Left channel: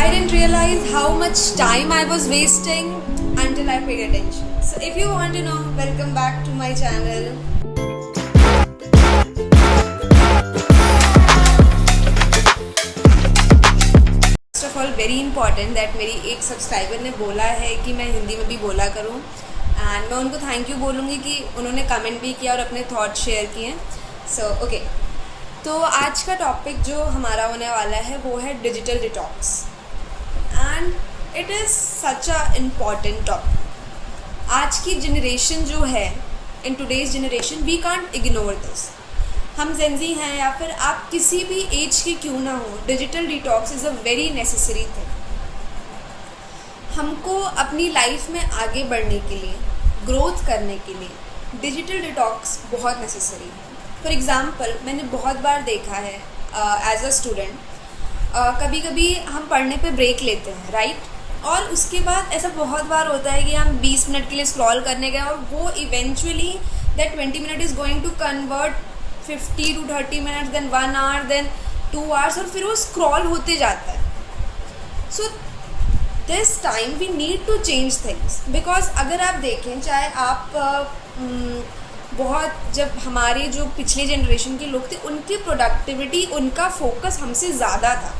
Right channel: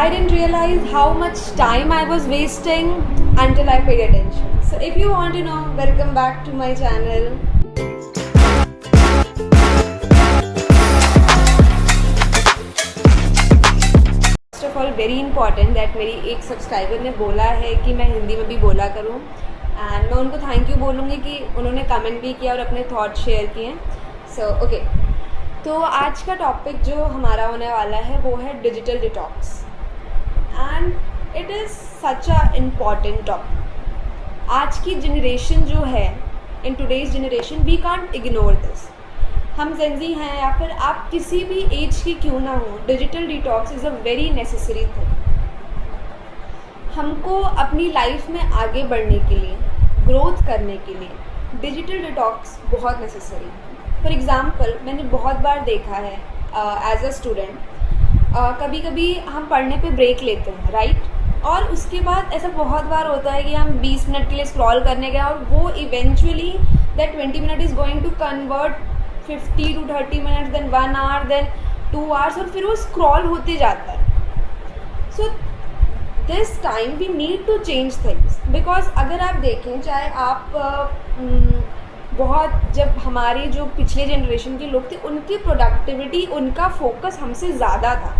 I didn't realize how much time I was wasting until I paid attention. So if you want to know, welcome back to my channel. First of all, very important that मेरी एक subscriber ने बोला है कि मैं हिंदी में भी बोला करूँ, एंड मैं उनको थैंक यू बोलूँगी कि उन्होंने कमेंट भी किया और अपने थॉट शेयर किए. सो ओके, तो आज का टॉपिक जो हमारा होने वाला है वो है digital detox, and it is such a important topic. आज की जनरेशन जो है, in today's generation we can't ignore this. हम जेंजी हैं या फिर आप किसी भी एज की क्यों ना हो, digital detox is a very necessary thing. हमको अपनी लाइफ में आगे बढ़ने के लिए, ग्रोथ करने के लिए डिजिटल डिटॉक्स बहुत नेसेसरी है. फॉर एग्ज़ाम्पल, मैंने बहुत बार देखा है एज अ स्टूडेंट, कभी कभी हम पढ़ने पे ब्रेक लेते हैं, राइट? और उसके बाद ऐसा बहुत बार होता है कि हम 20 मिनट के लिए स्क्रॉल करने गए और वो eventually that 20 minute is going to convert 50 to 30 minutes, then 1 hour, then 2 hours, और फिर वो स्क्रॉल होते जाता है. So this time we need to change things, because अगर आप देखें, चाहे आप बहुत, जब हमारे जो पिछले जनरेशन के लोग थे उनकी प्रोडक्टिविटी, उनका फोकस हमसे ज़्यादा था,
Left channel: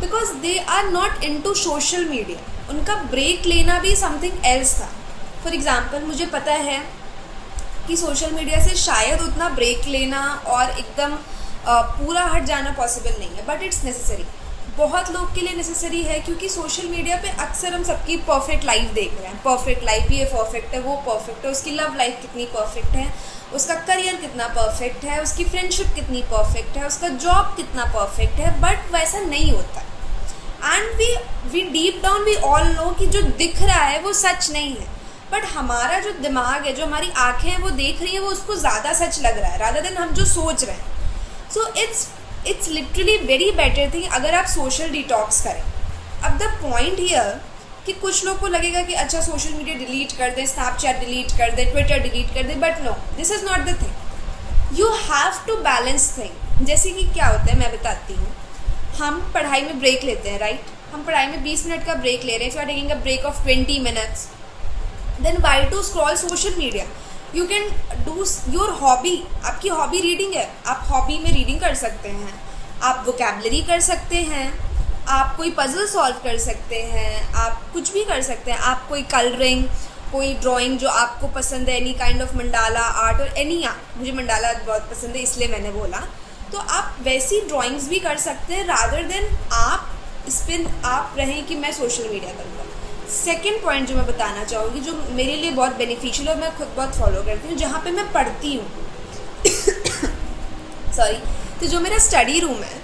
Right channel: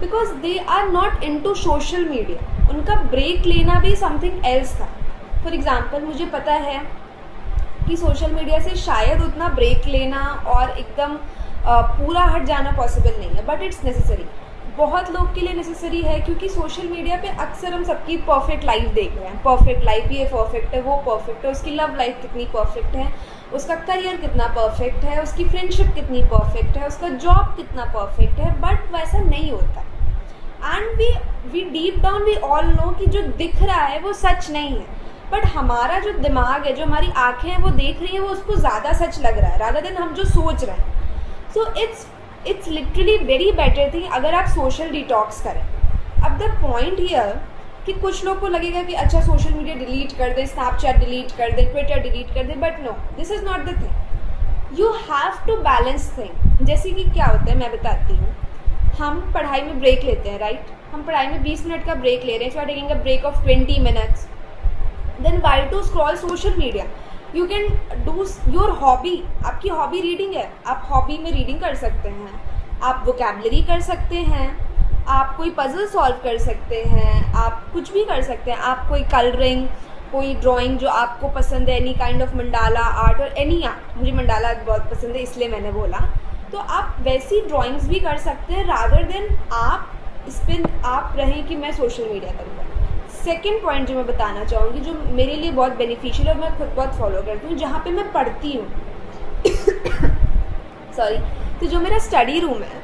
because they are not into social media. उनका ब्रेक लेना भी समथिंग एल्स था. फॉर एग्ज़ाम्पल, मुझे पता है कि सोशल मीडिया से शायद उतना ब्रेक लेना और एकदम पूरा हट जाना पॉसिबल नहीं है, बट इट्स नेसेसरी. बहुत लोग के लिए नेसेसरी है, क्योंकि सोशल मीडिया पे अक्सर हम सबकी परफेक्ट लाइफ देख रहे हैं. परफेक्ट लाइफ, ये परफेक्ट है, वो परफेक्ट है, उसकी लव लाइफ कितनी परफेक्ट है, उसका करियर कितना परफेक्ट है, उसकी फ्रेंडशिप कितनी परफेक्ट है, उसका जॉब कितना परफेक्ट है. बट वैसा नहीं होता. And we deep down we all know कि जो दिख रहा है वो सच नहीं है, बट हमारा जो दिमाग है, जो हमारी आँखें हैं वो देख रही हैं, वो उसको ज़्यादा सच लग रहा है रादर देन हम जो सोच रहे हैं. So it's literally very better thing अगर आप सोशल डिटॉक्स करें. अब द पॉइंट हियर कि कुछ लोग को लगेगा कि अच्छा सोशल मीडिया डिलीट कर दें, स्नैपचैट डिलीट कर दें, ट्विटर डिलीट कर दें, but no, this is not the thing. You have to balance thing. जैसे कि क्या होता है मैं बताती हूँ. हम पढ़ाई में ब्रेक लेते हैं, राइट? हम पढ़ाई में 20 मिनट का ब्रेक ले रहे हैं. If you are taking a break of 20 minutes, then why to scroll social media? You can do your hobby. आपकी हॉबी रीडिंग है, आप हॉबी में रीडिंग कर सकते हैं, आप वोकैबलरी कर सकते हैं, आप कोई पजल सॉल्व कर सकते हैं, आप कुछ भी कर सकते हैं. आप कोई कलरिंग, कोई ड्राइंग जो आपको पसंद है, any kind of mandala art और एनी आर्ट. मुझे मंडाला बहुत पसंद है इसलिए मैंने बोला. तो आप वैसी ड्राइंग्स भी कर सकते हैं रादर देन आप इस पर आप रहें कि मैं सोशल मीडिया करूँगा. सेकेंड पॉइंट जो मैं बताना चाहूँगी, जो मेरे लिए बहुत बेनिफिशियल है और मैं खुद बहुत फॉलो करती हूँ, जहाँ पे मैं पढ़ती हूँ सॉरी, तो जो मेरा स्टडी रूम है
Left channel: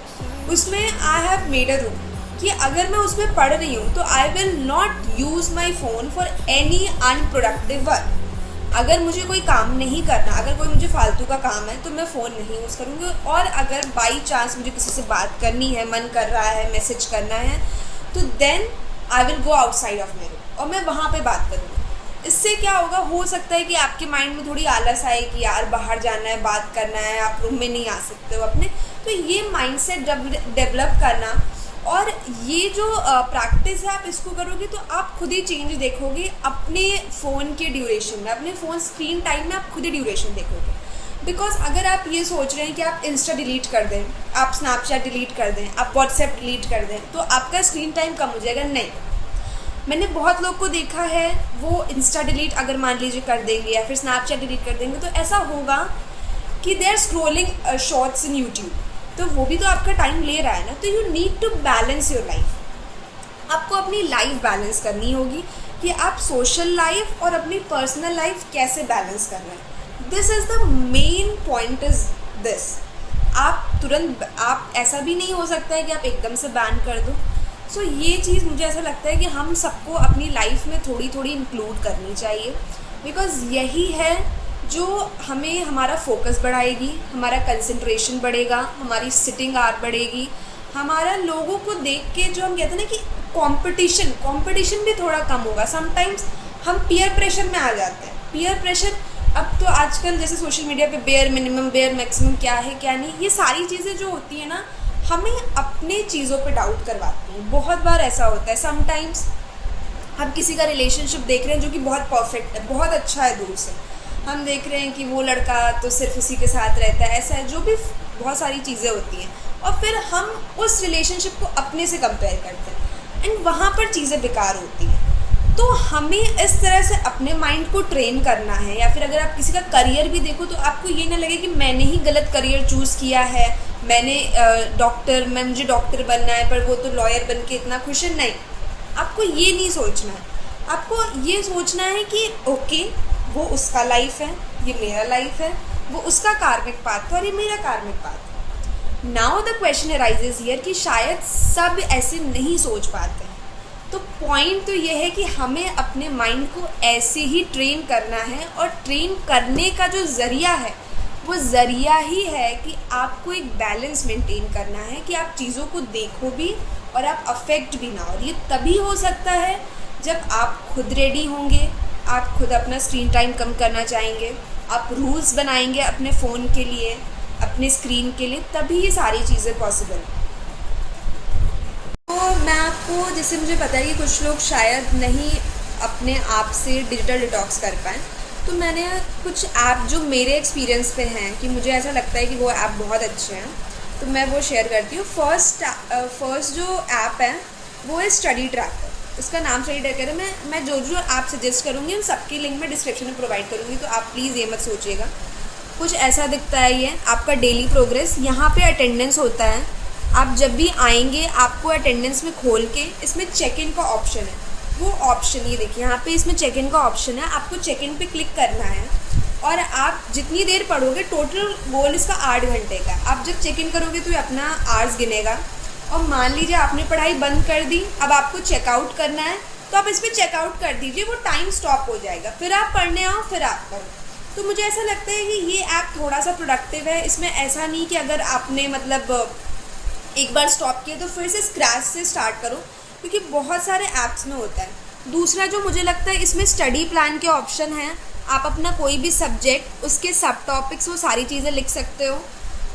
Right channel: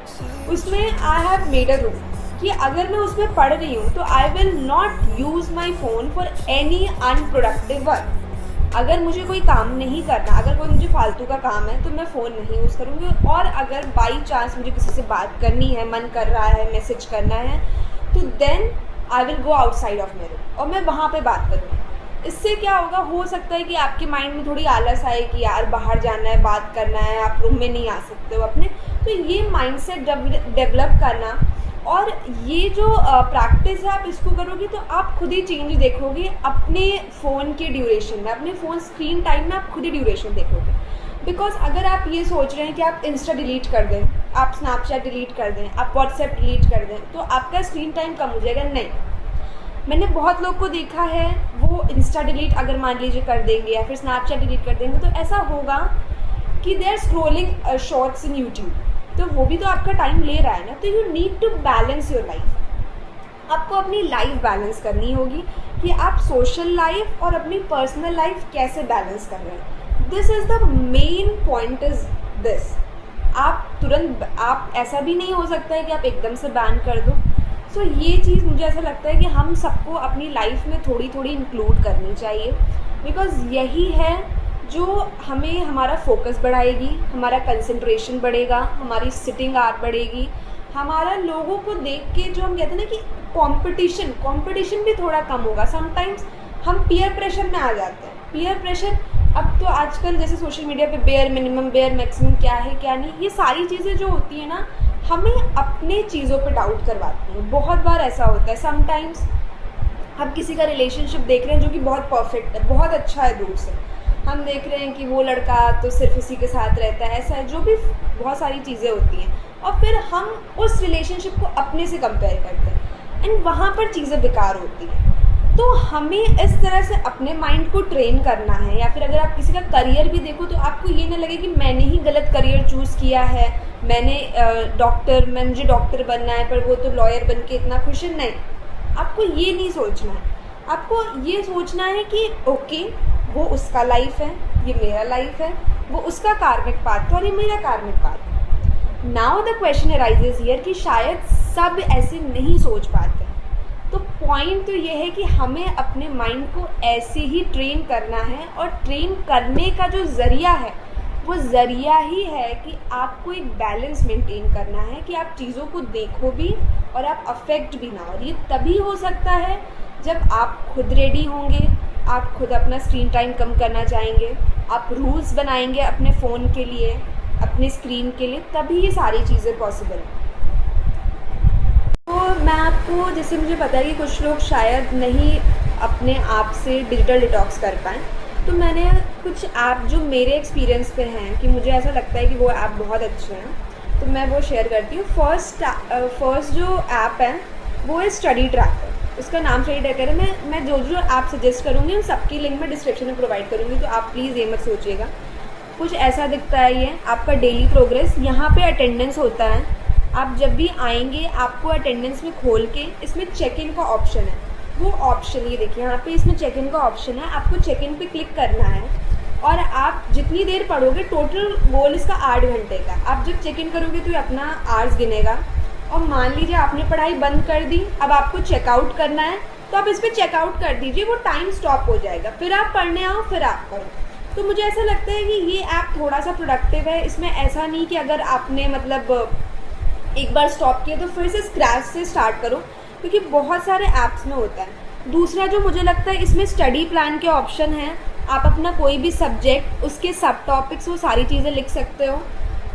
उसमें I have made a room कि अगर मैं उसमें पढ़ रही हूँ तो I will not use my phone for any unproductive work. अगर मुझे कोई काम नहीं करना, अगर कोई मुझे फालतू का काम है तो मैं फ़ोन नहीं यूज़ करूँगी. और अगर बाई चांस मुझे किसी से बात करनी है, मन कर रहा है, मैसेज करना है, तो then I will go outside of my room और मैं वहाँ पे बात करूँगी. इससे क्या होगा, हो सकता है कि आपके माइंड में थोड़ी आलस आए कि यार बाहर जाना है, बात करना है, आप रूम में नहीं आ सकते हो अपने. तो ये माइंडसेट डेवलप करना और ये जो प्रैक्टिस है, आप इसको करोगे तो आप खुद ही चेंज देखोगे अपने फ़ोन के ड्यूरेशन में, अपने फ़ोन स्क्रीन टाइम में आप खुद ही ड्यूरेशन देखोगे. बिकॉज अगर आप ये सोच रहे हैं कि आप इंस्टा डिलीट कर दें, आप स्नैपचैट डिलीट कर दें, आप व्हाट्सएप डिलीट कर दें, तो आपका स्क्रीन टाइम कम हो जाएगा. नहीं, मैंने बहुत लोग को देखा है, वो इंस्टा डिलीट अगर मान लीजिए कर देंगे या फिर स्नैपचैट डिलीट कर देंगे, तो ऐसा होगा कि they are scrolling shorts in YouTube, तो वो भी तो आपका टाइम ले रहा है ना. तो you need to balance your life. आपको अपनी लाइफ बैलेंस करनी होगी कि आप सोशल लाइफ और अपनी पर्सनल लाइफ कैसे बैलेंस कर रहे हैं. This is the main point is this. आप तुरंत, आप ऐसा भी नहीं हो सकता है कि आप एकदम से बैन कर दो. सो ये चीज़ मुझे ऐसा लगता है कि हम सबको अपनी लाइफ में थोड़ी थोड़ी इंक्लूड करनी चाहिए, बिकॉज़ यही है जो हमें हमारा फोकस बढ़ाएगी, हमारा कंसंट्रेशन बढ़ेगा, हमारी सिटिंग आवर बढ़ेगी, हमारा लोगों को देख के जो हम कहते हैं ना कि कंपटीशन भी थोड़ा कम होगा. समटाइम्स हम पीयर प्रेशर में आ जाते हैं. पीयर प्रेशर, अब तो आजकल जैसे सोशल मीडिया पे बेयर मिनिमम, बेयर मैक्सिमम क्या है क्या नहीं, ये सारी चीज़ें जो होती हैं ना, हमें अपने चीज़ों पे डाउट करवाती हैं। बहुत बार ऐसा होता है, समटाइम्स हम किसी का रिलेशनशिप देख रहे हैं जो कि बहुत परफेक्ट है, बहुत अच्छा है, दूर से हम देख रहे हैं कि वो लड़का तो सिर्फ इसी के साथ रहता है, ऐसा है, जो भी बहुत सारी चीज़ें होती हैं, और फिर हम उस रिलेशनशिप को अपने से कंपेयर करते हैं एंड वहाँ पर चीज़ें बेकार होती हैं। तो हमें इस तरह से अपने माइंड को ट्रेन करना है, या फिर अगर आप किसी का करियर भी देखो तो आपको ये ना लगे कि मैंने ही गलत करियर चूज़ किया है, मुझे डॉक्टर बनना है पर वो तो लॉयर बन के इतना खुश है। नहीं, आपको ये नहीं सोचना है। आपको ये सोचना है कि ओके, वो उसका लाइफ है, ये मेरा लाइफ है, वो उसका कार्मिक पाथ है और ये मेरा कार्मिक पाथ है। Now the question arises here कि शायद सब ऐसे नहीं सोच पाते हैं। तो पॉइंट तो ये है कि हमें अपने माइंड को ऐसे ही ट्रेन करना है, और ट्रेन करने का जो ज़रिया है वो ज़रिया ही है कि आपको एक बैलेंस मेंटेन करना है, कि आप चीज़ों को देखो भी और आप अफेक्ट भी ना हो। और ये तभी हो सकता है जब आप खुद रेडी होंगे, आप खुद अपना स्क्रीन टाइम कम करना चाहेंगे, आप रूल्स बनाएंगे अपने फ़ोन के लिए, अपने स्क्रीन के लिए, तभी ये सारी चीज़ें पॉसिबल हैं। तो मैं आपको, जैसे मुझे पता है कि कुछ लोग शायद नहीं अपने आप से डिजिटल डिटॉक्स कर पाएँ, तो मैंने कुछ ऐप जो मेरे एक्सपीरियंस पे हैं कि मुझे ऐसा लगता है कि वो ऐप बहुत अच्छे हैं, तो मैं वो शेयर करती हूँ। फर्स्ट जो ऐप है वो है स्टडी ट्रैकर। उसका नाम स्टडी ट्रैकर है। मैं जो जो ऐप सजेस्ट करूँगी उन सबकी लिंक मैं डिस्क्रिप्शन में प्रोवाइड करूँगी, तो आप प्लीज़ ये मत सोचिएगा। कुछ ऐसा दिखता है ये आपका डेली प्रोग्रेस, यहाँ पे अटेंडेंस होता है। आप जब भी आएंगे आपको अटेंडेंस में खोल के इसमें चेक इन का ऑप्शन है, वो ऑप्शन ये देखिए यहाँ पे इसमें चेक इन का ऑप्शन है, आपको चेक इन पे क्लिक करना है और आप जितनी देर पढ़ोगे, टोटल गोल इसका 8 घंटे का। आप जब चेक इन करोगे तो ये अपना आवर्स गिनेगा, और मान लीजिए आपने पढ़ाई बंद कर दी, अब आपको चेकआउट करना है तो आप इस पर चेकआउट कर दीजिए, वो टाइम स्टॉप हो जाएगा, फिर आप पढ़ने आओ, फिर आप पढ़ो। तो मुझे ऐसा लगता है कि ये ऐप थोड़ा सा प्रोडक्टिव है। इसमें ऐसा नहीं कि अगर आपने मतलब एक बार स्टॉप किया तो फिर से स्क्रैच से स्टार्ट करो, क्योंकि बहुत सारे ऐप्स में होता है। दूसरा जो मुझे लगता है, इसमें स्टडी प्लान के ऑप्शन हैं। आप अपना कोई भी सब्जेक्ट, उसके सब टॉपिक्स, वो सारी चीज़ें लिख सकते हो।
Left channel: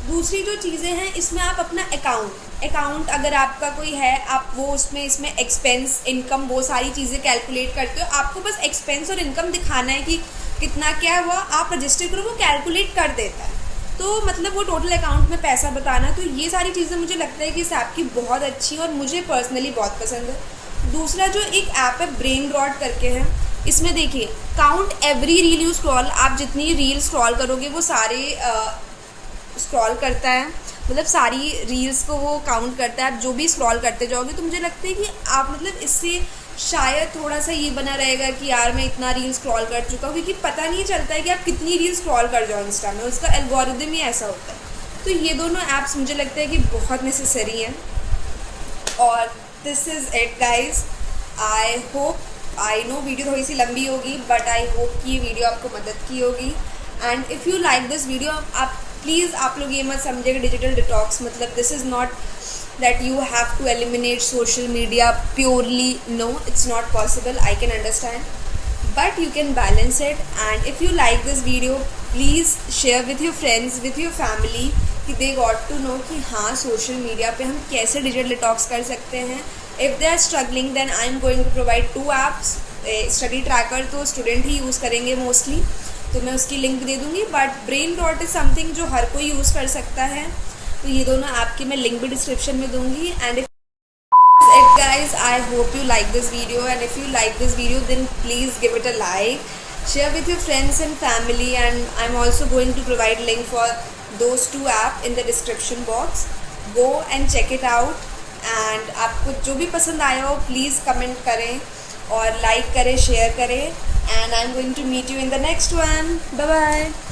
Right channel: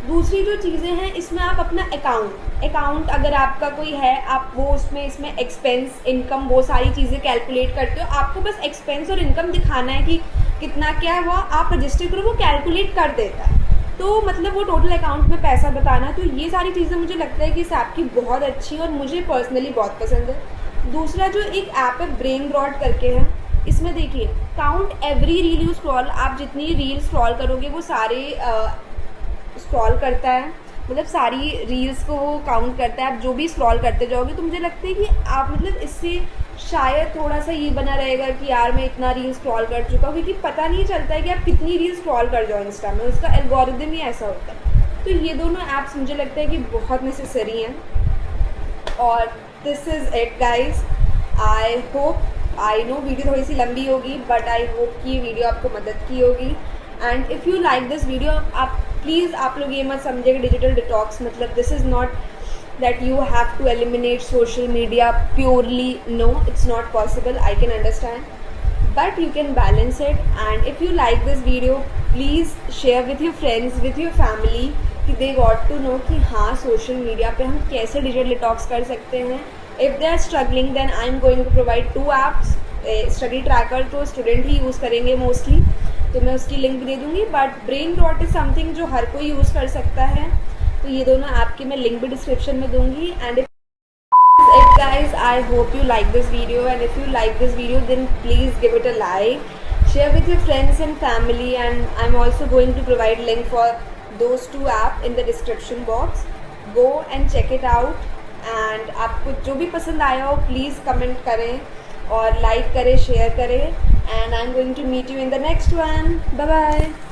दूसरी जो चीज़ें हैं, इसमें आप अपना अकाउंट अगर आपका कोई है, आप वो इसमें एक्सपेंस, इनकम, वो सारी चीज़ें कैलकुलेट करते हो। आपको बस एक्सपेंस और इनकम दिखाना है कि कितना क्या हुआ, आप रजिस्टर करो, वो कैलकुलेट कर देता है। तो मतलब वो टोटल अकाउंट में पैसा बताना है। तो ये सारी चीज़ें मुझे लगता है कि इस ऐप की बहुत अच्छी है और मुझे पर्सनली बहुत पसंद है। दूसरा जो एक ऐप है ब्रेन रॉट करके है, इसमें देखिए count every reel you scroll, आप जितनी रील स्क्रॉल करोगे वो सारे स्क्रॉल करता है, मतलब सारी रील्स को वो काउंट करता है। आप जो भी स्क्रॉल करते जाओगे, तो मुझे लगता है कि आप मतलब इससे शायद थोड़ा सा ये बना रहेगा कि यार मैं इतना रील स्क्रॉल कर चुका हूँ, क्योंकि पता नहीं चलता है कि आप कितनी रील स्क्रॉल कर जाओ इंस्टा में, उसका एल्गोरिदम ही ऐसा होता है। तो ये दोनों ऐप्स मुझे लगता है कि बहुत नेसेसरी हैं। और this is it guys. I know video थोड़ी सी लंबी होगी, बट आई होप कि ये वीडियो आपको मदद की होगी। And if you like this video, आप लोग ये मत समझिएगा डिजिटल डिटॉक्स मतलब this is not that you have to eliminate social media purely. No, it's not possible. I can understand, but you can balance it. And if you like this video, please share with your friends, with your family, कि they got to know कि हाँ social media पे हम कैसे digital detox कर सकते हैं। If they are struggling, then I am going to provide 2 apps. Study tracker तो स्टूडेंट ही यूज़ करेंगे मोस्टली, तो मैं उसकी लिंक दे दूँगी, but brain rot is something जो हर कोई यूज़ कर सकता है। तो ये दोनों ऐप की मैं लिंक भी डिस्क्रिप्शन में दूंगी। And if it guys, I hope you like this video, and if you like this video then please give it a like, share with your friends and family, and I'm also going to provide link for those 2 app in the description box. Go and check it out, and आपको जो भी पसंद आया हो please comment करें और like करें, share करें, and I'm going to meet you in the next one. Bye bye.